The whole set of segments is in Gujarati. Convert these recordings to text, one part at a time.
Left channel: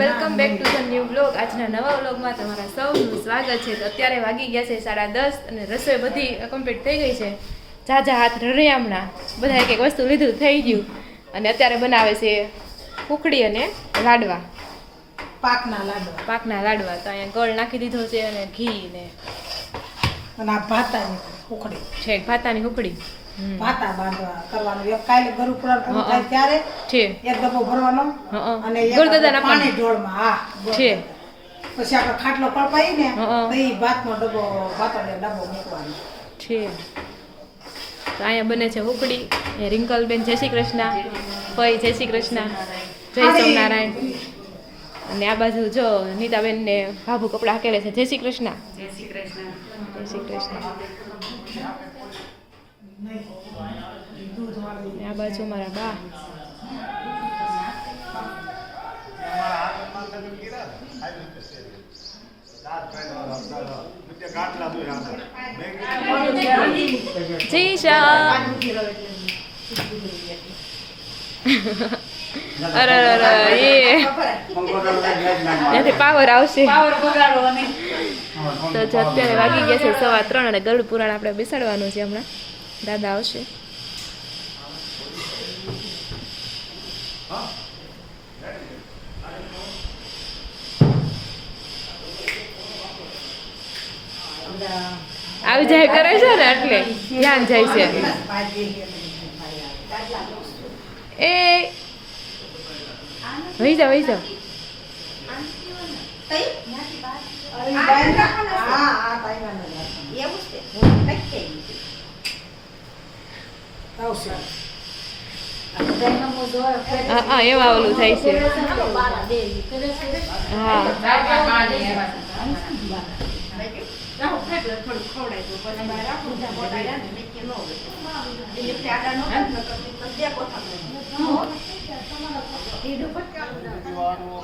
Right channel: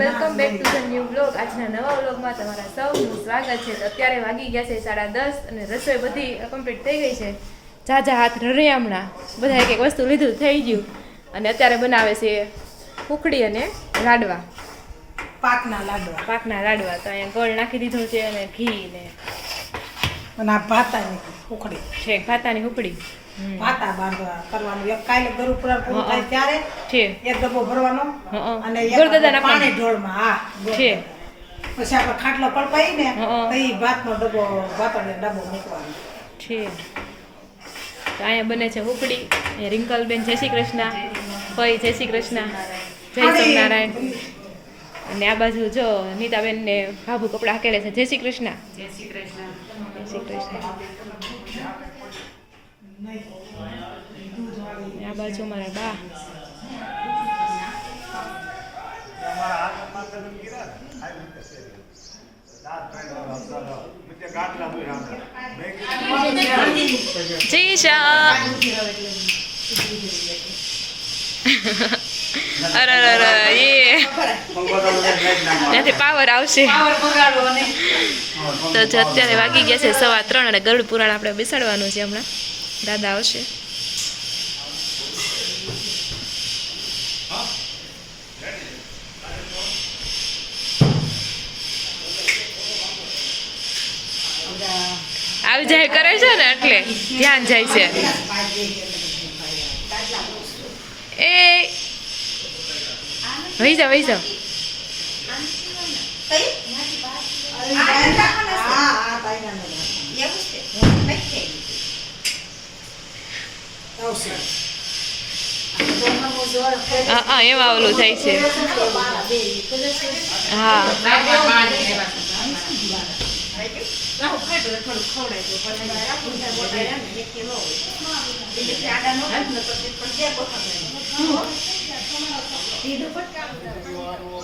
Welcome back to the new blog. આજના નવા વ્લોગમાં તમારા સૌનું સ્વાગત છે। તો અત્યારે વાગી ગયા છે 10:30 અને રસોઈ બધી કમ્પ્લીટ થઈ ગઈ છે। ઝાઝા હાથ રળિયામણા બધા એક એક વસ્તુ લીધું થઈ ગયું અને અત્યારે બનાવે છે ઉખડી અને લાડવા, પાકના લાડવા। તો અહીંયા ગોળ નાખી દીધો છે અને ઘી ને ભાતાની ઉખડી છે, ભાતાની ઉખડી ભાતા બાંધવા કરવાનું। એક કાલે ગરુ પુરાણ પૂરું થાય ત્યારે છે એક ડબ્બો ભરવાનો અને એક ગોળદાદાના પાણી ઢોળમાં હા છે। પછી આપણે ખાટલો પડપાઈ ને તો ઈ ભાતનો ડબ્બો ભાતનો ડબ્બો મૂકવાનો છે। તો અહીંયા બને છે ઉખડી। રિંકલબેન જય શ્રી કૃષ્ણ, ફઈ જય શ્રી કૃષ્ણ, જય સ્વામિનારાયણ। અને આ બાજુ જો નીતાબેન ને ભાભુ કપડા હાકેલે છે, જય શ્રી કૃષ્ણ, જય શ્રી કૃષ્ણ, જય શ્રી કૃષ્ણ। આ બાજુ મારા બા અરે એ ત્યાંથી પાવર આવશે। તો અત્યારે વાગી ગયા છે 3:15 અને ગરુડ પુરાણ આપણે બેસાડવાનું છે। હમણાં દાદા આવશે। આવી જાય કરે છે ને એટલે ધ્યાન જાય છે। એ વહી જાઓ વહી જાઓ। હા એમાં ઓલું થાય છે। હા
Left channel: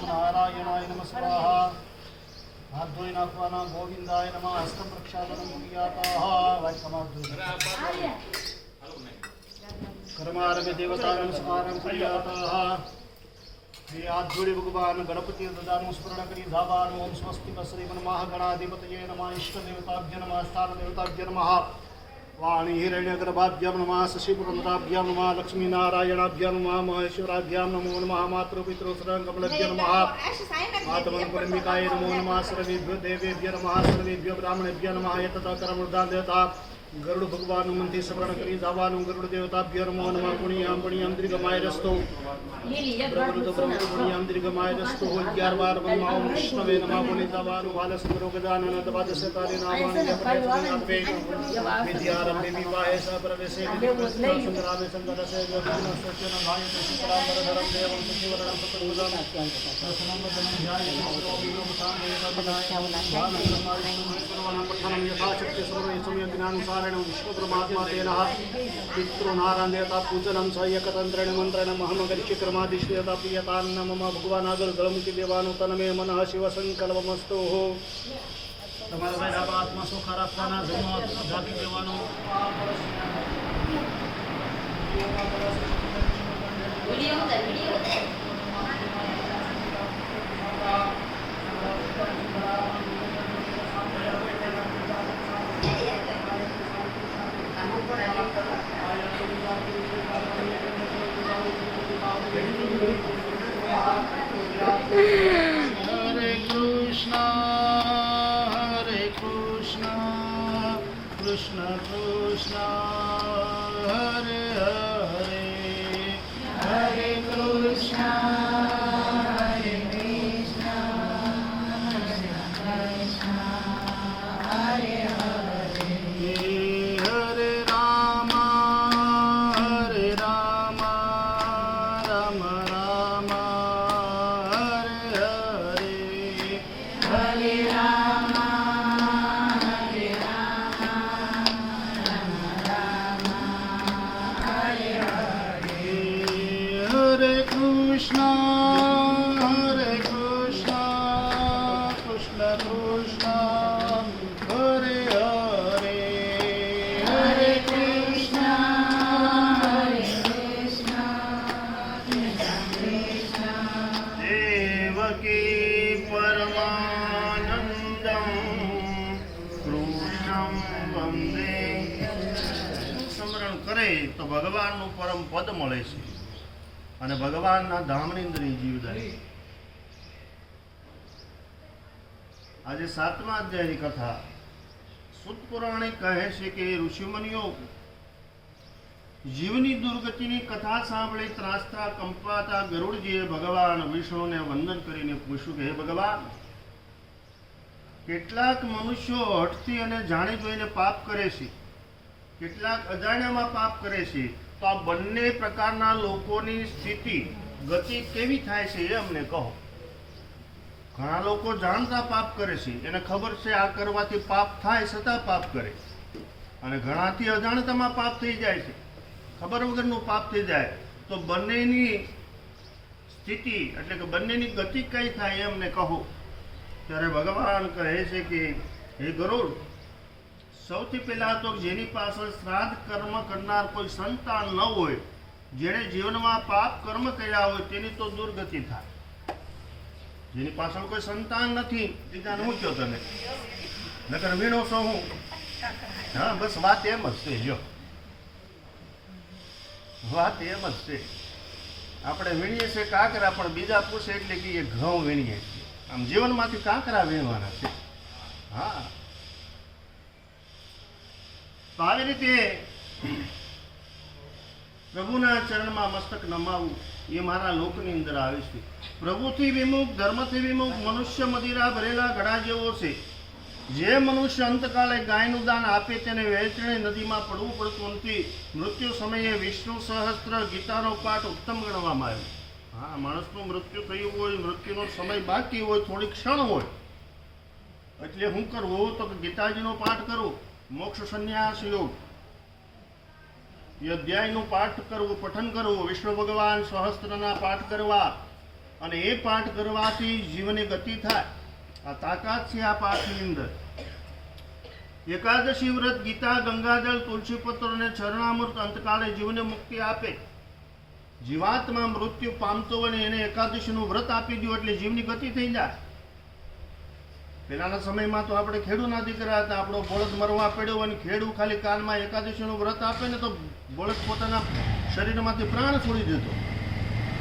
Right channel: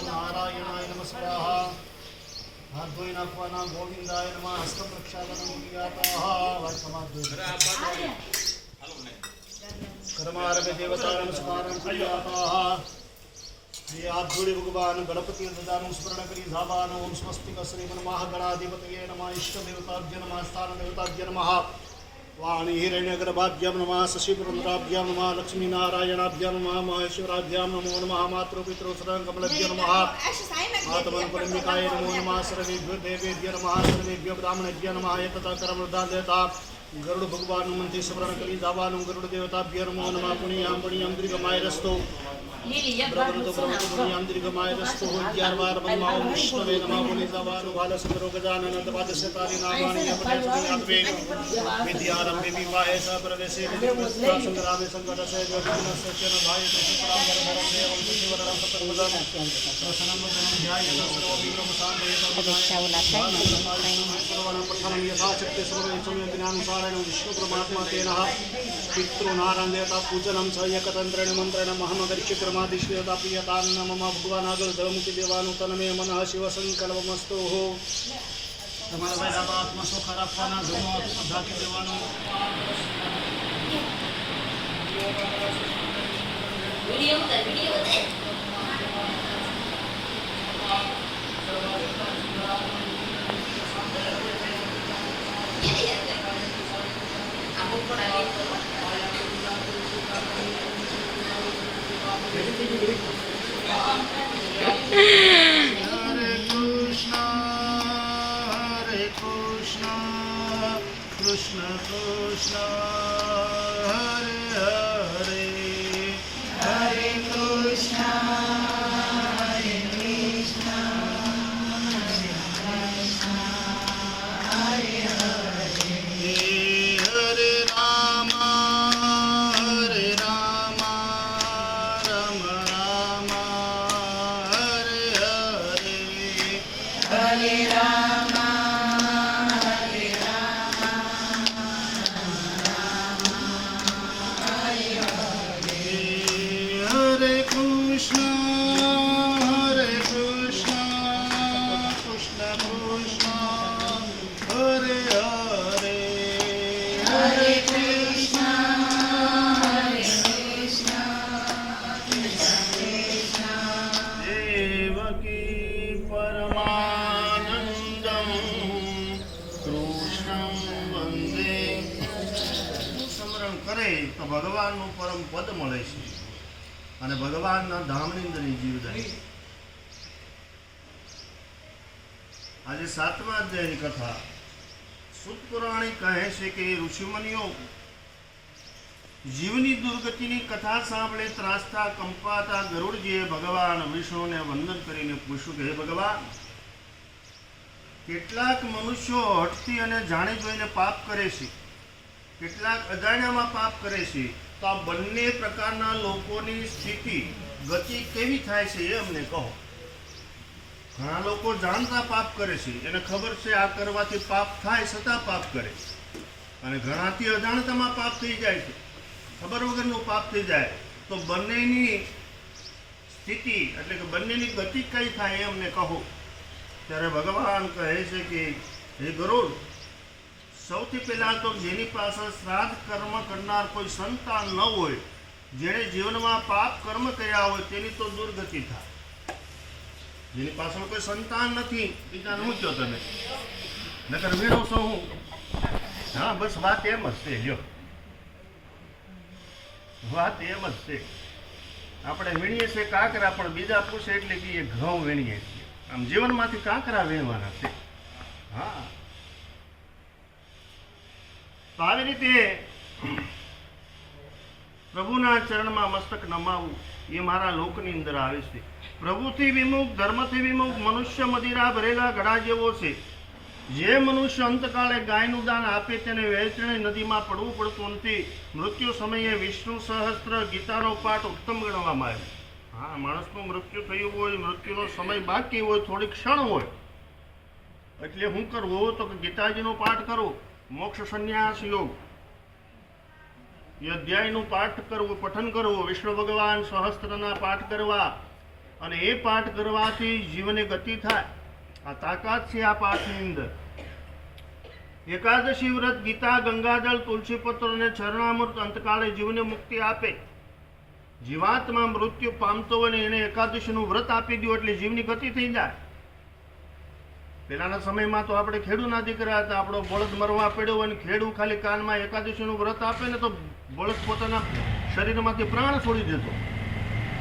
नारायणाय नमः स्वाहा। हाथ धोई नाखवाना गोविंदाय नमः। हस्त प्रक्षालनं क्रियाताः कर्मारम्भे देवताय नमस्कारं क्रियाताः। श्री हाथ जोड़े भगवान गणपति ददानु स्मरण करी धावानु। ओम स्वस्तिक श्रीमन् महागणाधिपतये नमः। इष्ट देवताभ्य नमः। स्थान देवताभ्य नमः। वाणी हिरण्यगर्भाभ्यां नमः। शशिपुरन्द्राभ्यां नमः। लक्ष्मीनारायणाभ्यां नमः। महेश्वराभ्यां नमो नमः। मातृपितृसुरकमलेभ्यो नमः। मातमनकुलम्बिकाय नमो नमः। सर्वेभ्यो देवेभ्यो नमः। सर्वेभ्यो ब्राह्मणेभ्यो नमः। यतता कर्मदान देवता गरुड़ भगवान मंत्री स्मरण करी धावानु। गरुड़ देवताभ्यो नमो नमः। पुण्यं पुण्यं दीर्घमाय रस्तो ब्रह्मणो ब्रह्मणो पुण्यं दीर्घमाय रस्तो। 11 बार बनमाओ विष्णवे नमः। पुण्य धावानु बालसुंदरो गजानन दवादशतारि नामानि यपदवे विद्यारंभे विवाहे सप्रवेशे संग्रामे संकटसे विघ्नस्य च न भायते। शुक्रांबर धरम देवं शिवरणं सततमुदं दर्शनं ध्याय सर्वविघ्नं शान्तिः पठनं यथाशक्ति सर्वसमयदिनानुसारेण विष्णु परमात्मा तेन पितृ नारायण देवता पूजनं स एकतन्त्रेण मन्त्रेण महमगर्ष्य क्रमादिश्यता प्रियतान्न मम भगवान आगर धर्मुखी देवानु तनमे मनः शिव संकल्पमस्तु। તમારા ભાઈ આત્મા સુખ રાખવાના ધર્મ ધાકી દેવાનો। कृष्ण कृष्ण हरे हरे हरे कृष्ण તો ભગવાનનું પરમ પદ મળે છે અને ભગવાનના ધામની અંદર એ જીવ જાય. આજે 7મા અધ્યાયની કથા સુત પુરાણે કહે છે કે ઋષિમુનિઓ જીવની દુર્ગતિની કથા સાંભળી ત્રાસતા કંપાતા ગરુડજીએ ભગવાન વિષ્ણુને વંદન કરીને પૂછ્યું કે હે ભગવાન, કેટલાક મનુષ્યો હઠથી અને જાણી જોઈને પાપ કરે છે, કેટલાક અજાણ્યામાં પાપ કરે છે, તો આ બંને પ્રકારના લોકોની સ્થિતિ ગતિ કેવી થાય છે એ અમને કહો. ઘણા લોકો જાણતા પાપ કરે છે, એને ખબર છે આ કરવાથી પાપ થાય છતાં પાપ કરે, અને ઘણાથી અજાણતામાં પાપ થઈ જાય છે, ખબર વગરનું પાપ થઈ જાય. તો બંનેની સ્થિતિ એટલે કે બંનેની ગતિ કઈ થાય એ અમને કહો. ત્યારે ભગવાન કહે છે કે હે ગરુડ, સૌથી પહેલા તો જેની પાછળ શ્રાદ્ધ કર્મ કરનાર કોઈ સંતાન ન હોય, જેણે જીવનમાં પાપ કર્મ કર્યા હોય તેની તો દુર્ગતિ થાય. જેની પાછળ કોઈ સંતાન નથી, બીજાને શું કહો તમે? નકર વીણો છો હું? હા, બસ વાત એમ જ છે. લ્યો, વાત એમ જ છે. આપણે વીણીએ છીએ કાંકરા, પણ બીજા પૂછે એટલે કે એ ઘઉં વીણીએ છીએ. આમ જીવનમાંથી કાંકરા વીણવાના છે. હા, તો આવી રીતે પ્રભુના ચરણમાં મસ્તક નમાવું એ મારા લોકની અંદર આવે છે. પ્રભુથી વિમુખ, ધર્મથી વિમુખ મનુષ્ય મદિરા ભરેલા ઘડા જેવો છે. જે મનુષ્ય અંતકાળે ગાયનું દાન આપે તેને વહેંચણી નદીમાં પડવું પડતું નથી. મૃત્યુ સમયે વિષ્ણુ સહસ્ત્ર ગીતાનો પાઠ ઉત્તમ ગણવામાં આવ્યો. હા, માણસનું મૃત્યુ થયું હોય, મૃત્યુનો સમય બાકી હોય, થોડી ક્ષણ હોય, એટલે શું કરવું? તો કે ગીતાજીનો પાઠ કરો, મોક્ષ સંન્યાસ યોગ એ અધ્યાયનું પાઠ કરવું, પઠન કરવું, વિષ્ણુ ભગવાન સહસ્ત્રના પાઠ કરવા, અને એ પાઠ કરવાથી જીવને ગતિ થાય. આ તાકાત છે આ પાઠની અંદર. એકાદશી વ્રત, ગીતા, ગંગાજળ, તુલસીપત્ર અને ચરણામૃત અંતકાળે જીવને મુક્તિ આપે. જીવાત્મા મૃત્યુ પામતો હોય એને એકાદશીનું વ્રત આપી દો એટલે જીવની ગતિ થઈ જાય. પહેલાના સમયમાં તો આપણે ખેડૂના દીકરા હતા, આપણો બળદ મરવા પડ્યો અને ખેડૂ ખાલી કાનમાં એકાદશીનું વ્રત આપે ને તો બળદ પોતાના શરીરમાંથી પ્રાણ છોડી દેતો.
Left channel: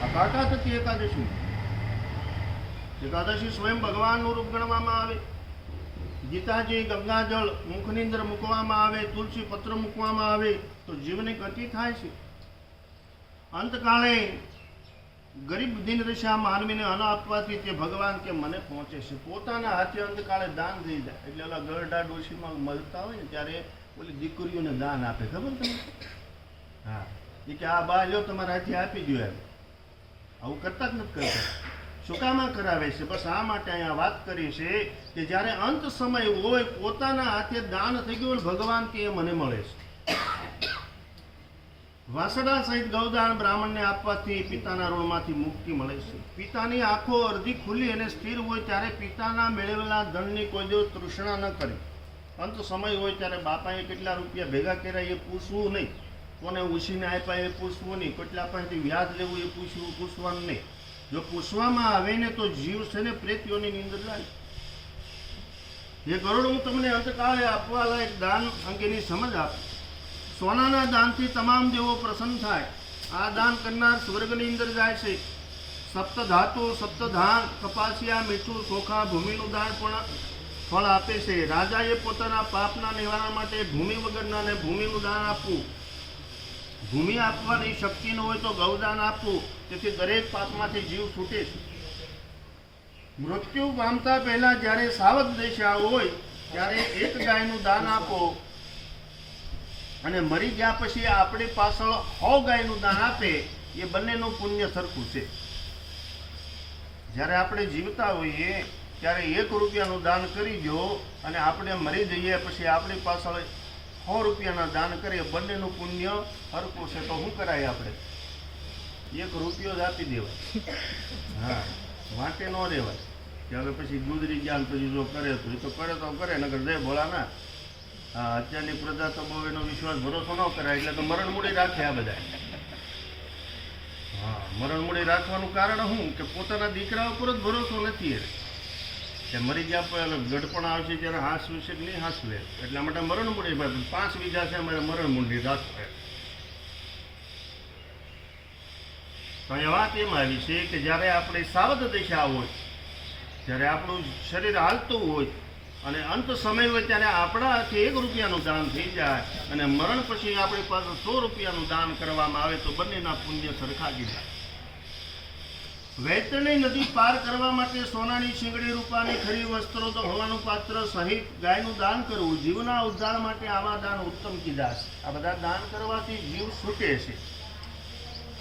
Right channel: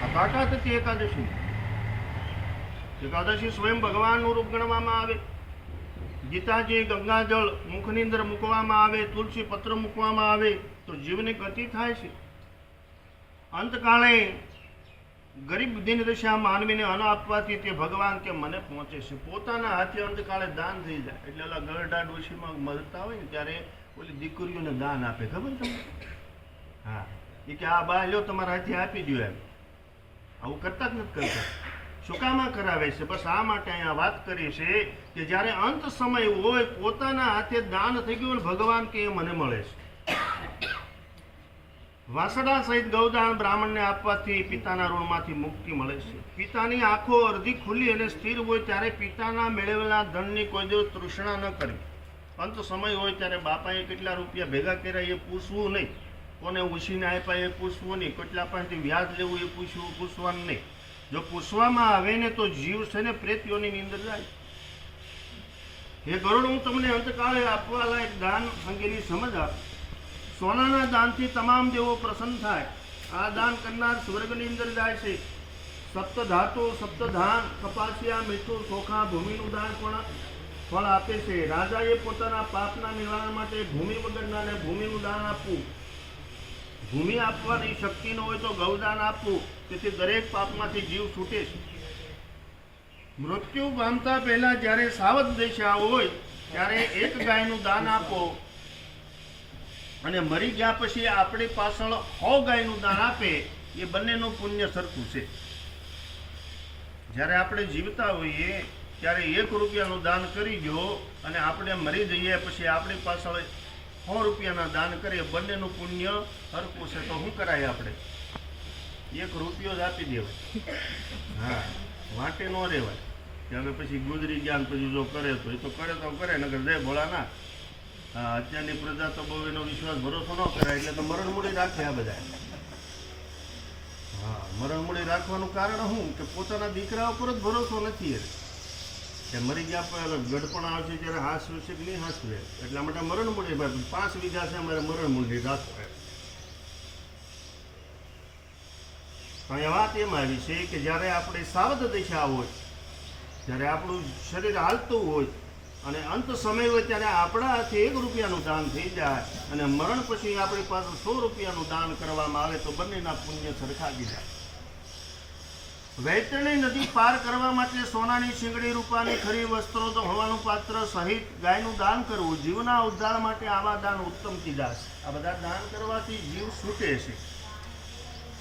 આ તાકાત હતી એકાદશી. એકાદશી સ્વયં ભગવાનનું રૂપ ગણવામાં આવે. ગીતાજી, ગંગાજળ મુખની અંદર મૂકવામાં આવે, તુલસી પત્ર મૂકવામાં આવે તો જીવની ગતિ થાય છે. અંતકાળે ગરીબ દિનદશા માનવીને અન્ન આપવાથી તે ભગવાન કે મને પહોંચે છે. પોતાના હાથે અંતકાળે દાન થઈ જાય એટલે ઓલા ગરડા ડોશીમાં મળતા હોય ને ત્યારે ઓલી દીકરીઓને દાન આપે, ખબર તમને? હા, એ કે આ બા લ્યો તમારા હાથે આપી દો એમ. આવું કરતા જ નથી કરતા. શું કામ કરાવે છે? બસ આ માટે અહીંયા વાત કરી છે કે જ્યારે અંત સમય હોય, પોતાના હાથે દાન થઈ ગયું ભગવાન કે એ મને મળે છે. વાસડા સહિત ગૌદાન બ્રાહ્મણને આપવાથી પિતાના ઋણમાંથી મુક્તિ મળે છે. પિતાની આંખો અડધી ખુલ્લી અને સ્થિર હોય ત્યારે પિતાના મેળવેલા ધનની કોઈ દિવસ તૃષ્ણા ન કરી. અંત સમય હોય ત્યારે બાપાએ કેટલા રૂપિયા ભેગા કર્યા એ પૂછવું નહીં, કોને ઉછીને આપ્યા એ પૂછવું નહીં, કેટલા પાસેથી વ્યાજ લેવું એ પૂછવાનું નહીં. જો પૂછવામાં આવે ને તો જીવ છે ને પ્રેતીઓની અંદર જાય. એ ગરુડ, હું તમને અંતકાળે આપવા લાયક દાન અંગેની સમજ આપું. સોનાના દાનથી તમામ દેવો પ્રસન્ન થાય. આ દાન કરનાર સ્વર્ગની અંદર જાય છે. સપ્તધાતુ, સપ્તધાન, કપાસિયા, મીઠું, ચોખા, ભૂમિનું દાન પણ ફળ આપે છે. રાજાએ પોતાના પાપના નિવારણ માટે ભૂમિ વગરનાને ભૂમિનું દાન આપવું. ભૂમિ આપવાની શક્તિ ન હોય તો ગૌદાન આપવું. તેથી દરેક પાપમાંથી જીવ છૂટે છે. મૃત્યુ પામતા પહેલા જ્યારે સાવધ દશા હોય ત્યારે એક ગાયનું દાન આપો, અને મરી ગયા પછી આપણી પાછળ 100 ગાયનું દાન આપે, એ બંનેનું પુણ્ય સરખું છે. જ્યારે આપણે જીવતા હોઈએ ત્યારે 1 રૂપિયાનું દાન કરી દો અને આપણે મરી જઈએ પછી આપણી પાછળ 100 રૂપિયાના દાન કરીએ, બંનેનું પુણ્ય સરખું છે. તો શું કરાય? આપણે 1 રૂપિયો જ આપી દેવાય. હા, વાંટે ન રહેવાય કે હવે પછી ગુજરી ગયા પછી જો કરે તો એ તો કરે, નગર જય ભોળાનાથ. હા, અત્યારની પ્રજા તો બહુ એનો વિશ્વાસ ભરોસો ન કરાય એટલે તો મરણ મૂડી રાખે આ બધા. હા, મરણ મૂડી રાખવાનું કારણ શું કે પોતાના દીકરા ઉપર જ ભરોસો નથી. કે મરી ગયા પહેલાં ગઢપણ આવશે ત્યારે હાંસવે છે કે નહીં હાંસવે, એટલા માટે મરણ મૂડી 5 વીઘા છે અમારે મરણ મૂડી રાખવા. તો અહીંયા વાત એમ આવી છે કે જ્યારે આપણે સાવધ દશા હોય, જ્યારે આપણું શરીર હાલતું હોય અને અંત સમય હોય ત્યારે આપણા હાથે 1 રૂપિયાનું દાન થઈ જાય અને મરણ પછી આપણી પાસે 100 રૂપિયાનું દાન કરવામાં આવે તો બંનેના પુણ્ય સરખા ગીધા. વૈતરણી નદી પાર કરવા માટે સોનાની શીંગડી, રૂપાની ખરી વસ્ત્રો તો હવાનું પાત્ર સહિત ગાયનું દાન કરવું, જીવના ઉદ્ધાર માટે આવા દાન ઉત્તમ કીધા છે. આ બધા દાન કરવાથી જીવ છૂટે છે.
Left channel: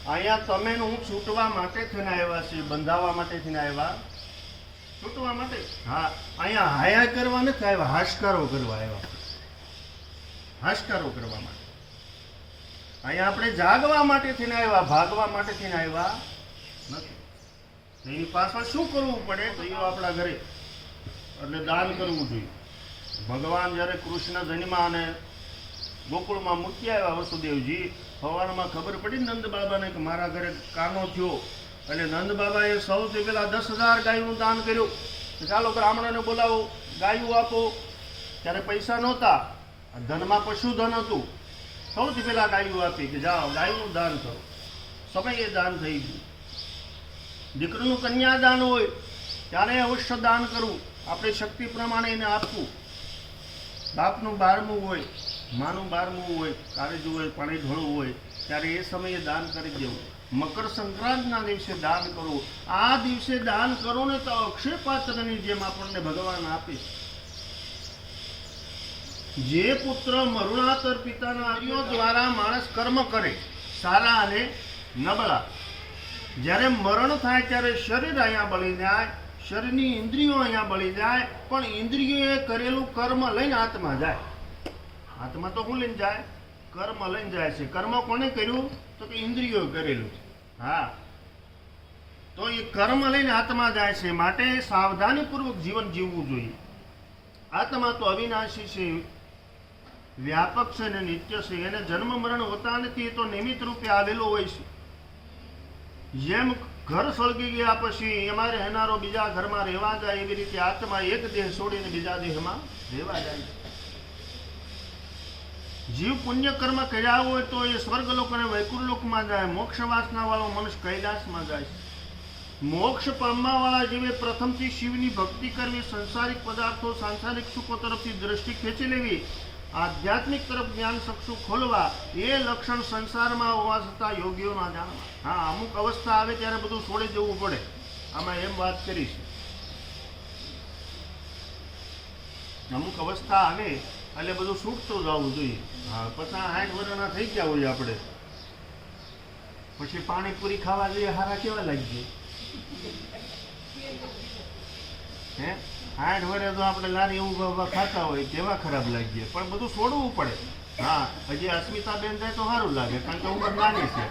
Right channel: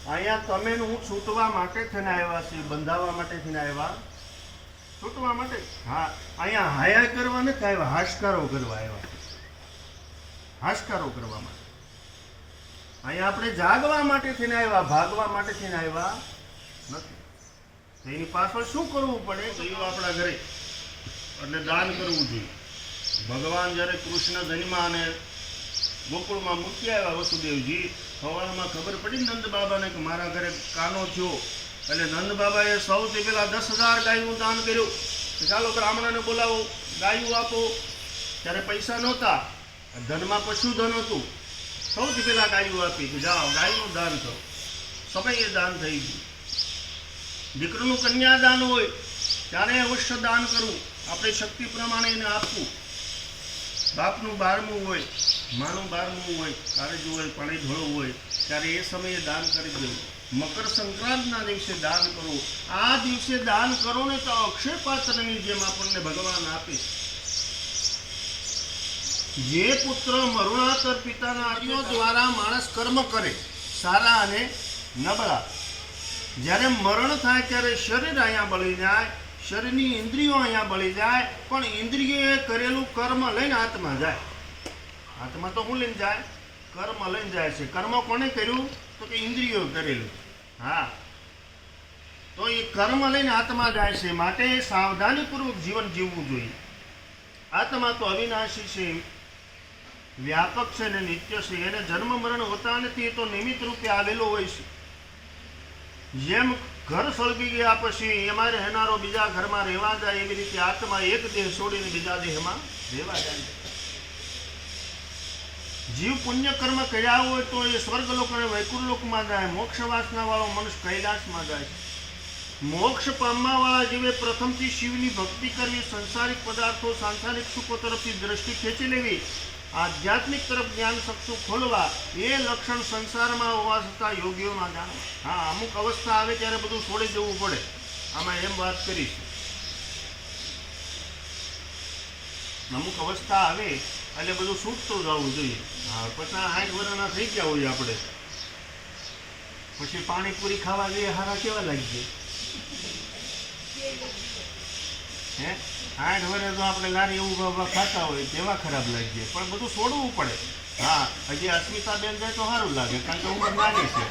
અહીંયા તમે હું છૂટવા માટે થઈને આવ્યા છે, બંધાવવા માટે થઈને આવ્યા, છૂટવા માટે. હા, અહીંયા હાયા કરવા નથી આવ્યા, હાશકારો કરવા આવ્યા, હાશકારો કરવા માટે. અહીંયા આપણે જાગવા માટે થઈને આવ્યા, ભાગવા માટે થઈને આવ્યા નથી. એની પાછળ શું કરવું પડે તો એ આપણા ઘરે એટલે દાન કરવું જોઈએ. ભગવાન જ્યારે કૃષ્ણ જન્મા અને ગોકુળમાં મૂકી આવ્યા વસુદેવજી, સવારમાં ખબર પડી નંદ બાબાને કે મારા ઘરે કાનો થયો, એટલે નંદ બાબાએ સૌથી પહેલા 10,000 ગાયનું દાન કર્યું. ચાલો બ્રાહ્મણને બોલાવો, ગાયું આપો. ત્યારે પૈસા નહોતા, ધનમાં પશુધન હતું. સૌથી પહેલા ગાયું આપી કે જાઓ ગાયનું દાન કરો. સમયે દાન થઈ ગયું. દીકરીનું કન્યાદાન હોય ત્યારે અવશ્ય દાન કરવું, આપણે શક્તિ પ્રમાણે એને આપવું. બાપનું 12મું હોય, માનું 12મું હોય, કાળજું હોય, પાણી ઢોળવું હોય ત્યારે એ સમયે દાન કરી દેવું. મકર સંક્રાંતના દિવસે દાન કરવું. આ દિવસે દાન કરો ને તો અક્ષય પાત્રની જેમ આપણને ભગવાન આપે. જે પુત્ર મરુણાતર પિતાના આર્યો દ્વારા માણસ કર્મ કરે સારા અને નબળા, જ્યારે મરણ થાય ત્યારે શરીર અહીંયા બળી જાય, શરીરની ઇન્દ્રિયો અહીંયા બળી જાય, પણ ઇન્દ્રિયોએ કરેલું કર્મ લઈને આત્મા જાય. આત્મા તો શું લઈને જાય? કર્મ લઈને જાય છે. કર્મ કોને કર્યું? તો કે ઇન્દ્રિયોએ કરેલું. હા, તો એ કર્મ લઈને આત્મા જાય છે. માટે સાવધાનીપૂર્વક જીવન જીવવું જોઈએ. આત્મા તો અવિનાશી છે, વ્યાપક છે ને નિત્ય છે. એને જન્મ મરણ હોતા નથી, એ તો નિમિત્ત રૂપે આવેલો હોય છે. જેમ ઘર સળગી ગયા પછી એમાં રહેનારો બીજા ઘરમાં રહેવા જાય, એવી રીતે આત્મા એક દેહ છોડીને બીજા દેહમાં રહેવા જાય. જીવ પુણ્ય કર્મ કર્યા હોય તો એ સ્વર્ગલોક અને વૈકુંઠલોકમાં જાય, મોક્ષ વાસના વાળો મનુષ્ય કૈલાસમાં જાય. મોક્ષ પામવા વાળા જીવે પ્રથમથી શિવની ભક્તિ કરવી, સંસારિક પદાર્થો સાંસારિક સુખો તરફથી દ્રષ્ટિ ખેંચી લેવી, આધ્યાત્મિક તરફ જ્ઞાન ચક્ષુ ખોલવા, એ લક્ષણ સંસારમાં હોવા છતાં યોગીઓમાં જાણવા. હા, અમુક અવસ્થા આવે ત્યારે બધું છોડી દેવું પડે. આમાં એમ વાત કરી છે, અમુક અવસ્થા આવે એટલે બધું છૂટતું જવું જોઈએ. હા, 50-60 વર્ષના થઈ ગયા હોય આપણે, પછી પાણીપુરી ખાવા જઈએ, હારા કેવા લાગીએ? હે, 60 વર્ષે તો આપણે લારી એવું ખાતા હોય કેવા ખરાબ લાગીએ, પણ બધું છોડવું પડે. હા, હજી અસ્મિતાબેન જાય તો સારું લાગે, કારણ કે ઉંમર નાની છે,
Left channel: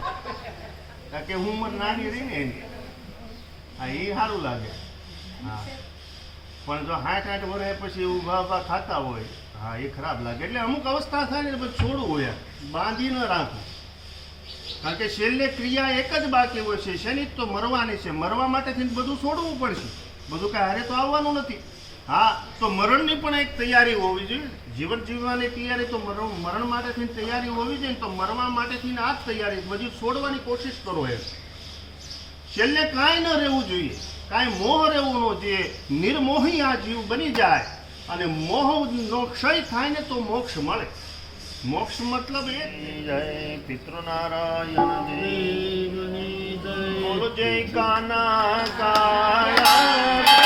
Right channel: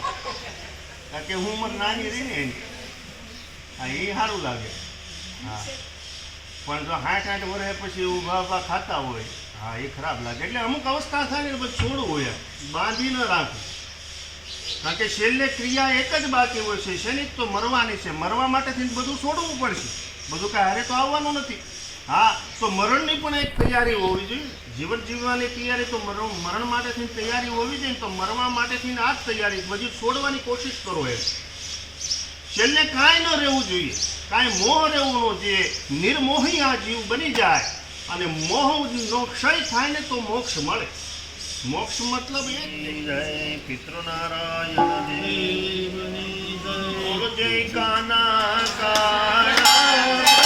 કારણ કે ઉંમર નાની રહી ને એની. હા, એ સારું લાગે. હા, પણ જો 60-60 વર્ષે પછી ઊભા ખાતા હોય, હા, એ ખરાબ લાગે. એટલે અમુક અવસ્થા થાય ને પછી છોડવું હોય, બાંધી ન રાખવું. કારણ કે છેલ્લે ક્રિયા એક જ બાકી હોય છે, શેની તો મરવાની છે. મરવા માટેથી બધું છોડવું પડશે, બધું કાંઈ હારે તો આવવાનું નથી. હા, તો મરણની પણ એક તૈયારી હોવી જોઈએ. જીવન જીવવાની તૈયારી તો મરણ માટેથી તૈયારી હોવી જોઈએ. તો મરવા માટેથી આ જ તૈયારી, બધું છોડવાની કોશિશ કરો. એ છેલ્લે કાંઈ ન રહેવું જોઈએ, કાંઈ મોહ રહેવું ન જોઈએ. નિર્મોહી આ જીવ બની જાય અને મોહનો ક્ષય થાય ને તો મોક્ષ મળે. મોક્ષ મતલબ એ જય પિતૃનારાયણ દેવની જય, બોલો જય કાના કાળા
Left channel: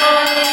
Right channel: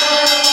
Bye.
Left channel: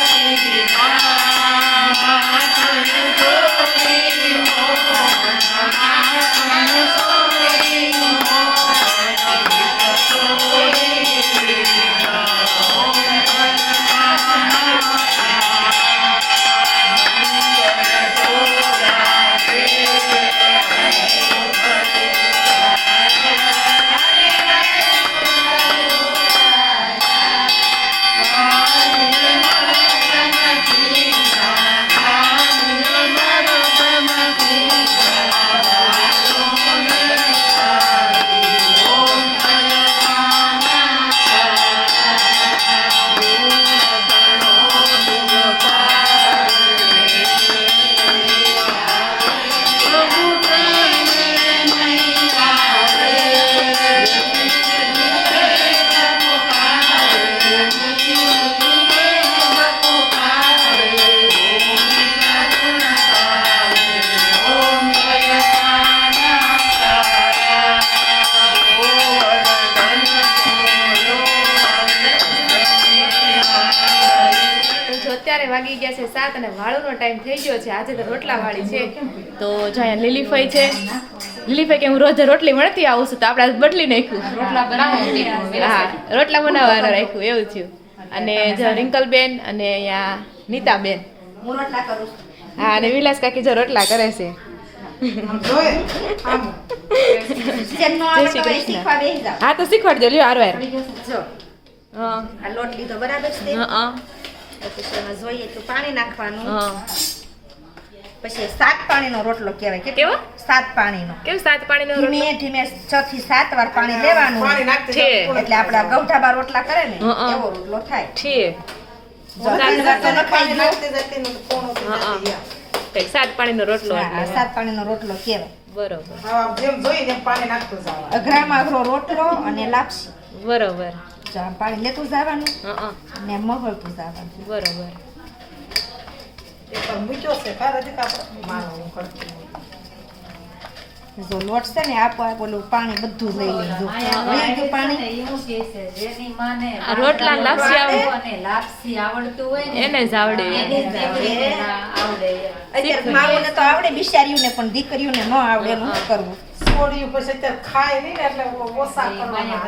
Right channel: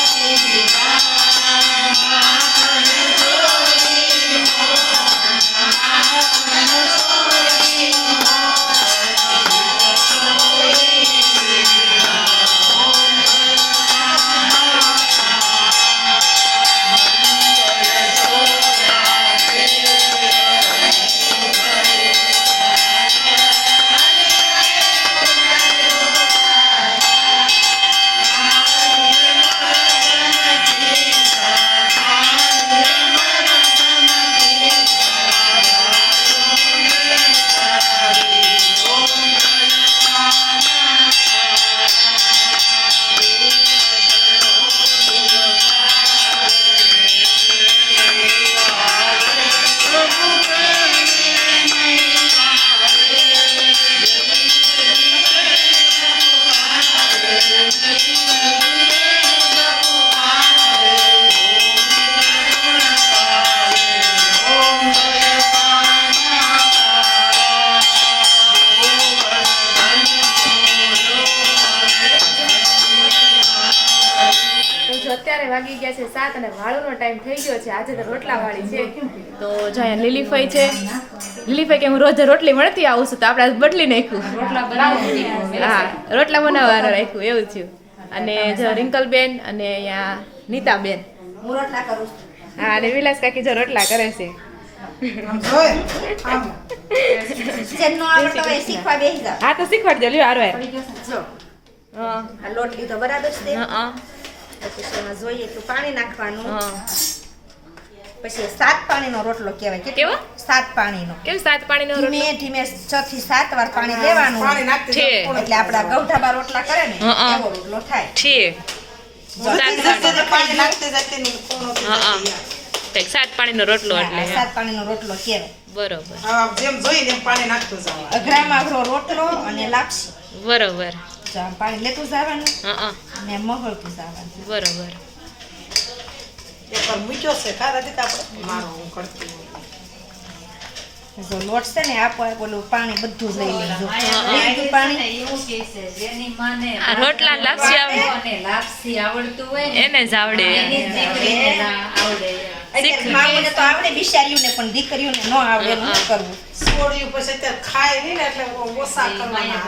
અત્યારે વાગી ગયા છે 7 અને વાળુનો ટાઈમ થઈ ગયો છે. આજે તો રોટલા વાળી છે. તો જો અહીંયા લીલીફઈ છે. લીલીફઈ કે હું રોજ રોટલી મળતી આવું છું તો આપણે બદલી નાખ્યું. હા, રોટલા બનાવવાનું રાખ્યું એવું થયું. અને જો રિંકલબેન અને અહીંયા નીતાબેન. હું રોટલા કરું છું. હા, અને વિલાસ કાકી જો રોટલા કરે છે. જોઈ આમ જેમનો આવડતો હોય શીખવા બેસી જાવ. હા, તો શીખવાડજો લ્યો આરો જો હા આ લોટ લીધો બરાબર છે. હા પછી એમાં જોઈએ તો પાણી નાખવાનું. હા. પછી 7 પાણીનો રોટલો કહેવાય. કેવો? 7 પાણીનો. કેમ 7 પાણીનો રોટલો? ધીમે ધીમે 6 થી 7 વાર પાણી લેવાનું. પાણી નાખતી છે. એટલે આપડા ગૌઠાબા રોટલા કરે ને હા. એવો રોટલો થાય. છે. જો પાણી નાખતી જતી ને પૂર્ણ થઈ હા, હા. જાય. ઠીક, 7 પાણીનો રોટલો એટલે 7 પાણીનો રોટલો કહેવાય. બરોબર હા, જેમ જોઈને એમ પાણી નાખતું જવાનું. અઘરામાં અઘરો રોટલો અને લાપસી. બરોબર. જો આમ પાણી લેતું જવાનું હા અને મગળતું જવાનું. બરોબર. એકવાર મૂક્યો છે ખરા દીધા આપણે મારો હું કરતી હોઉં. જો લોટ છે ને આપો ઓલું પાણી બધું જ લઈ લેજો. લીધું પાણી આ રોટલા ને લાપસી આવે એને જ આવડે. અત્યારે માઓને તો આવડે બિચારીઓને પણ દીકરીઓને ન આવડે એનું શું કરવું. છોડ્યું પછી અત્યારે ખાય નહીં ને એટલે ઓછા કરવાના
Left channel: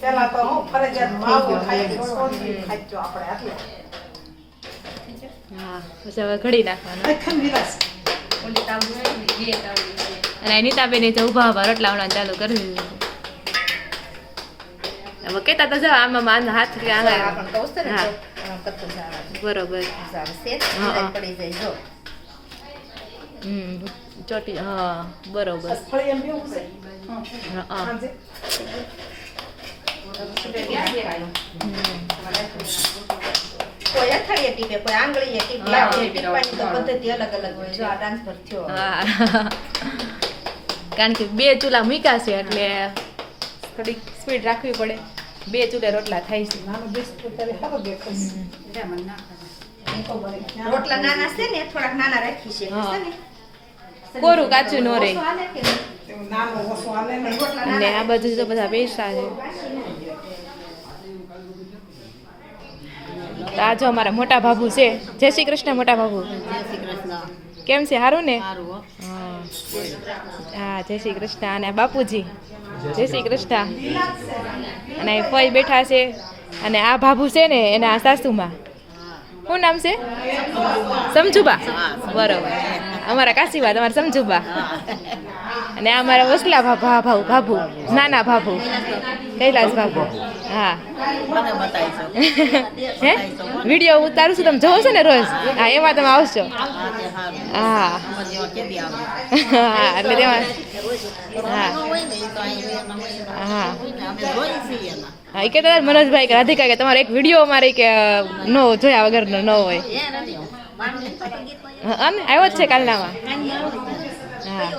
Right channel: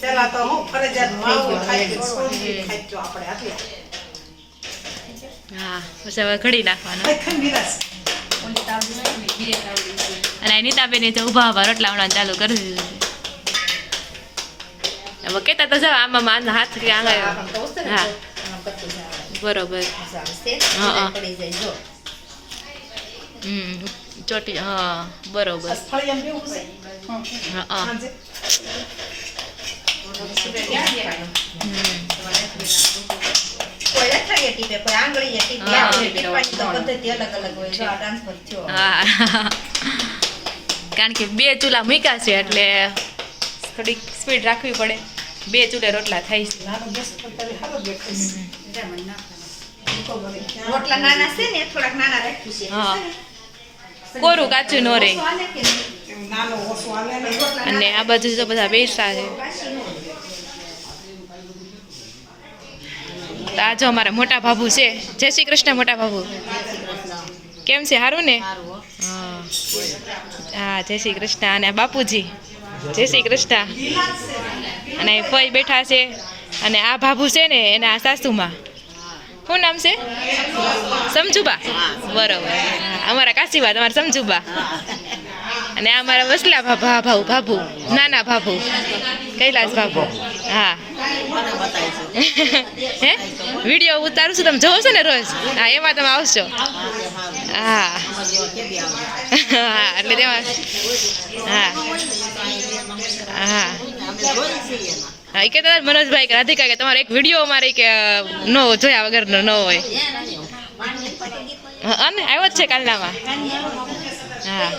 પેલા તો હું ફરજિયાત માવું ખાઈ છોડ્યું ખાઈ ગયો આપણે આટલે હા, પછી હવે ઘડી નાખવાનું. નિરાશ અને આ નીતાબેન તો ઊભા રોટલા વણવાનું ચાલુ કરી દીધું છે. હવે કહેતા તો જાઓ આમાં હાથ કે આંગળે. આપણને કહું છું ને હા. જો, આમ કરતું જવાનું. બરોબર. આવશે હા. પડી જાય જો. ચોટી. હા, બરોબર. ફળી એમ બેવું છે હા. સાંજે કોઈ અથડીએ ટીપે કોઈ આંગળીએ ટીપે. હા. ટીપવાની તો પદ્ધતિ અલગ અલગ હોય. જો આ ટ્રાન્સફર થયો. હા. કારણ કે 2 ચૂલા મૂક્યા છે એટલે થોડીક સ્પીડ રાખવી પડે. 2 ચૂલે રોટલા થાય છે. નાનું બેસ તો ત્યારે સારું દેખાય છે. રોટલા નાના છે ને થોડાક નાના રાખી છે. હા. કોરું કાચું ન રહે. ઓછું હાલે કે નહીં? એમ નાનો ઓછો હાલે ને રોટલા અને આ બાજુ તો બધા બેસા છે. કાશી ન હોય. તો આ જો અમારા મોટા બાબુ છે. જય શ્રી કૃષ્ણ મોટા બાબુ. કેમ છે? સારું ને? હા. હા, જય શ્રી કૃષ્ણ. અને આ બાપુજી જય શ્રી કૃષ્ણ. અને અહીં ફઈ બેઠા છે. અને આ બાબુ છે ને એના સાસુમાં શું નામ છે? સમજુબા. બરોબર. અમારા કાશીબા તમારા સમજુબા. અને આ અમારા વસલા ભાભુ નાના ભાભુ કૈલાસ ભાભુ. હા. હે વિડીયો ઉતારું છું, તમે જોવો છો ને રોજ? હા, એમાં તમે આવશો. હા. હા, એટલે તેમાં હા હા હા. એ કહેતા મનોજભાઈ કે રાધિકા કે તમારો એક વિડીયો અમારે કે ન જોયા વગરનો ન હોય. અને આવ્યો જ છે કાલનામાં. હા,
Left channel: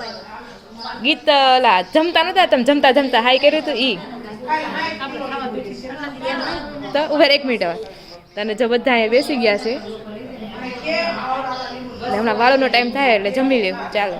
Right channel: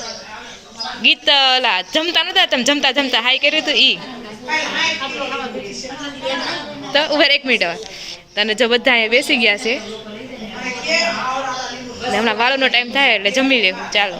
ગીત ઓલા જમતા નતા તમે જમતા જમતા હાઈ કર્યું હતું ઈ તો ઉભા 1 મિનિટ હવે. તને જો બધા અહીંયા બેસી ગયા છે. હમણાં વાળોનો ટાઈમ થાય એટલે જમી લેવું. ચાલો.